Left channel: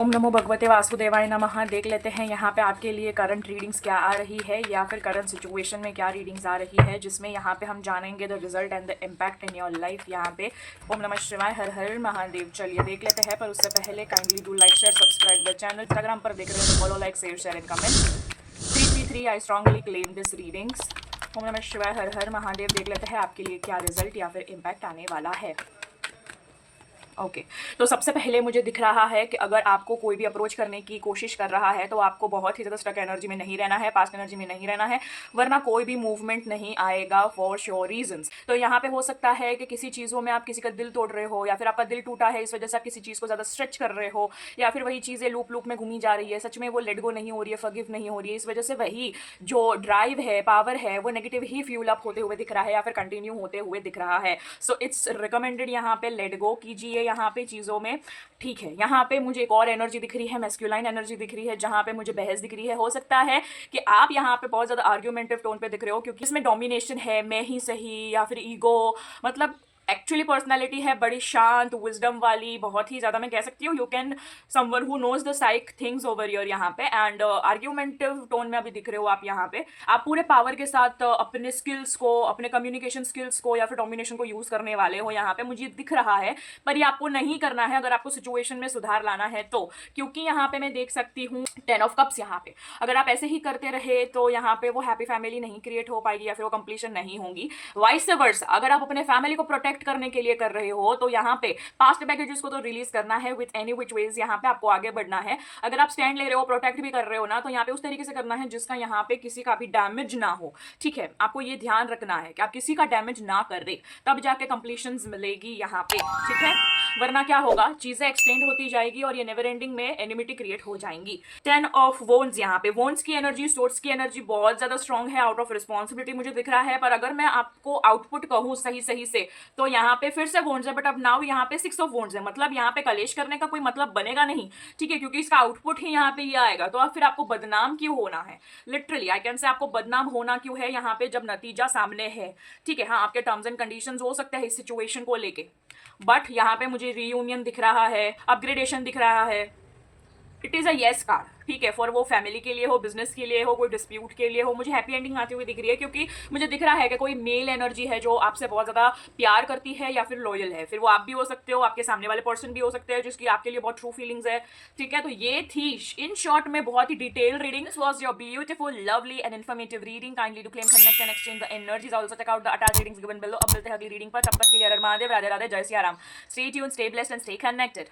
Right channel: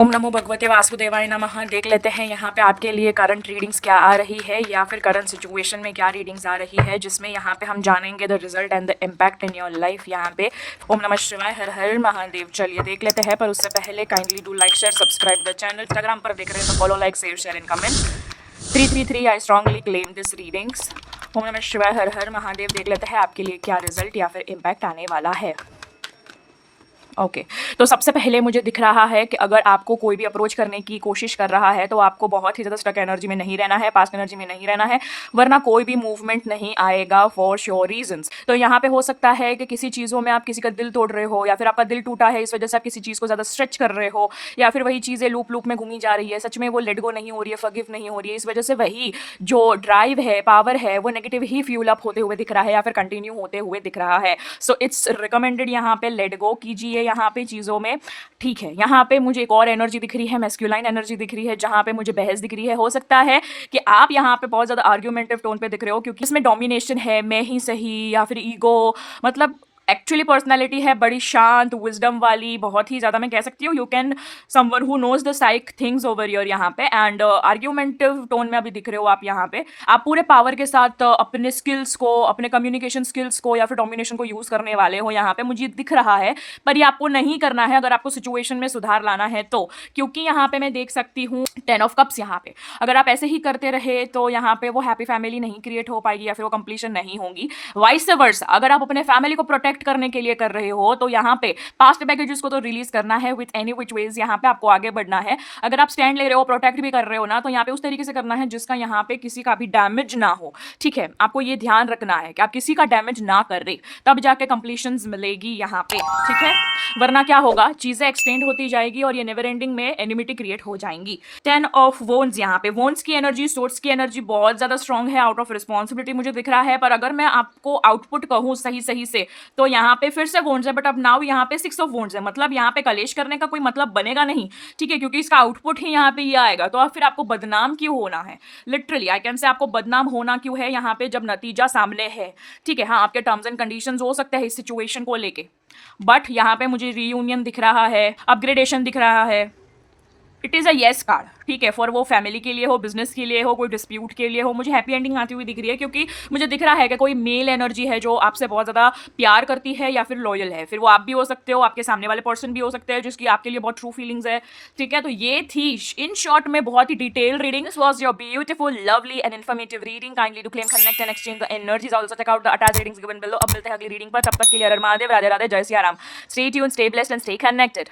ओम नमो भगवते वासुदेवाय नमः। देख लेते हैं यहाँ पे आपके लिए करंट रीडिंग्स क्या आ रही है या फिर करंट सिचुएशन में क्या रीडिंग्स आ रही है, जिसमें यहाँ पे हम जानेंगे the result and the impact in your life. यहाँ पे ओम नमः शिवाय, हर हर महादेव। चलिए देख लेते हैं, पर उससे पहले kindly do like share subscribe the channel. Instagram पर देख रहे हैं तो follow like share and comment. 333 I strongly claim this readings. ओम नमः शिवाय, हर हर महादेव। देख लेते हैं आपके लिए क्या रिजल्ट या फिर इम्पैक्ट आने वाला है। ओके तो सबसे पहले मुझे दिख रहा है कि अगर आपको कोई भी अप्रोच करने की कोशिश कर रहा है तो आपको बहुत ही ज़्यादा स्टक एनर्जी में नहीं रहना है, पास्ट एनर्जी में नहीं रहना है, वरना कोई भी मूवमेंट नहीं आएगा फॉर श्योर रीजंस। तो यहाँ पे हो सकता है कि किसी चीज़ों में आप किसी का दिल तोड़ रहे हो, या फिर आपका दिल टूटा है, इस वजह से आप किसी चीज़ को ज़्यादा स्ट्रेच कर रहे हो, या फिर वही चीज़ें लूप लूप में घूमी जा रही है, सच में वो लेट गो नहीं हो रही है, फॉरगिव नहीं हो रही है। इस वजह से वही जो ड्राइव है, पावर है, वो नेगेटिव ही फ्यूल अप होते हुए दिख रहा है या फिर कंटिन्यू होते हुए दिख रहा है। सो इट्स रिकमेंडेड यहाँ पे लेट गो कीजिए यहाँ पे चीज़ों में। ठीक है, यहाँ पे मुझे एक और एनर्जी दिख रही है, मैस्कुलाइन एनर्जी दिख रही है, जहाँ पे मुझे बहस दिख रही है। हो सकता है कि आप यहाँ पे बहुत ज़्यादा आर्ग्यूमेंटिव टोन पे दिख रहे हो, क्योंकि इसमें डोमिनेशन है, मैं ही सही, या फिर ईगो, मतलब एक्चुअली पर्सनालिटी है बड़ी शांत, विजडम वाली, बहुत ही ज़्यादा मैं कह सकती हूँ you can someone who knows the psych things over your यहाँ पे। एंड आर्ग्यूमेंटिव टोन में अभी दिख रहे हो आप यहाँ पे। आप पूरे पावर के साथ अपने स्किल्स को, अपने कम्युनिकेशन स्किल्स को या फिर डोमिनेशन को यूज़ करने वाले हो यहाँ पे, मुझे दिख रहा है। पर ये आपको नहीं करना है अगर आपको सिचुएशन में सुधार लाना है तो, क्योंकि यहाँ पे मैं देख सकती हूँ 10 ऑफ कप्स यहाँ पे। अगर आप ऐसे ही करते रहे तो यहाँ पे वो हैप्पी फैमिली नहीं क्रिएट हो पाएगी या फिर वो कंप्लीशन नहीं होगी। वाइस वर्सा, अगर आप अपने फैमिली को प्रोटेक्ट करने के लिए कर रहे हो तो यहाँ पे पास्ट बैगेजेस को तो रिलीज करना है विथ एनी विच वेज। यहाँ पे आपको आगे बढ़ना है। अगर आप स्टैंड ले रहे हो, प्रोटेक्ट भी कर रहे हो ना, तो यहाँ पे उस तरीके से करना है जिसका यहाँ पे किसी का भी डैमेज ना हो। ठीक है, आपको ये ध्यान रखना है कि आप किसी का डैमेज ना कर रहे, तब जाके कंप्लीशन मिलेगी यहाँ पे। ठीक है, वरना क्या होगा, चीजें एक्सटेंड होती जाएगी और ये नेवर एंडिंग में एनिमिटी क्रिएट हो जाएंगी। 10 ऑफ वोन्स यहाँ पे, वोन्स की एनर्जी, सोर्स की एनर्जी बहुत ज्यादा स्ट्रॉन्ग है, आउट ऑफ रिस्पॉन्सिबिलिटी मुझे दिख रहा है। पर अगर मैं आपको आउटपुट कहूँ सही सही से तो यहाँ पे फिर से वोन्स है, बट अब नाउ यहाँ पे 6 ऑफ वोन्स है, मतलब यहाँ पे कलेश करने का कोई मतलब बनेगा नहीं। ठीक है, क्योंकि इसका आउटपुट ही यहाँ पे ये आएगा। तो अब फिर आपको बदनाम क्यों होना है, लिटरली आई कैन से आपको बदनाम होना क्यों है यहाँ पे, जब नतीजा सामने है। ठीक है, हाँ आपके टर्म्स एंड कंडीशंस हो सकते हैं इस सिचुएशन को लेके, बट यहाँ पे मुझे रीयूनियन दिख रहा है, अपग्रेडेशन दिख रहा है। It is a yes card. ठीक है, फॉर वो फैमिली के लिए हो, बिजनेस के लिए हो, कोई डिस्प्यूट के लिए हो, मुझे हैप्पी एंडिंग आती हुई दिख रही है। क्योंकि मुझे दिख रहा है कि कोई मेल एनर्जी है जो आपसे बहुत ज़्यादा प्यार करती है या फिर लॉयल है। फिर वो आप भी हो सकते हो, आपके सामने वाले पर्सन भी हो सकते हैं जिसकी आपके लिए बहुत ट्रू फीलिंग्स है। ठीक है, तो ये थी इन शॉर्ट में बहुत ही detail reading. This was your beautiful, lovely and informative reading. Kindly to claim, connect and exchange the energies. Also check out the attached readings given below. अब मिलते हैं अगली रीडिंग पर, तब तक के लिए हर हर महादेव, राधे राधे, जय Siya Ram. Stay tuned, stay blessed and stay connected.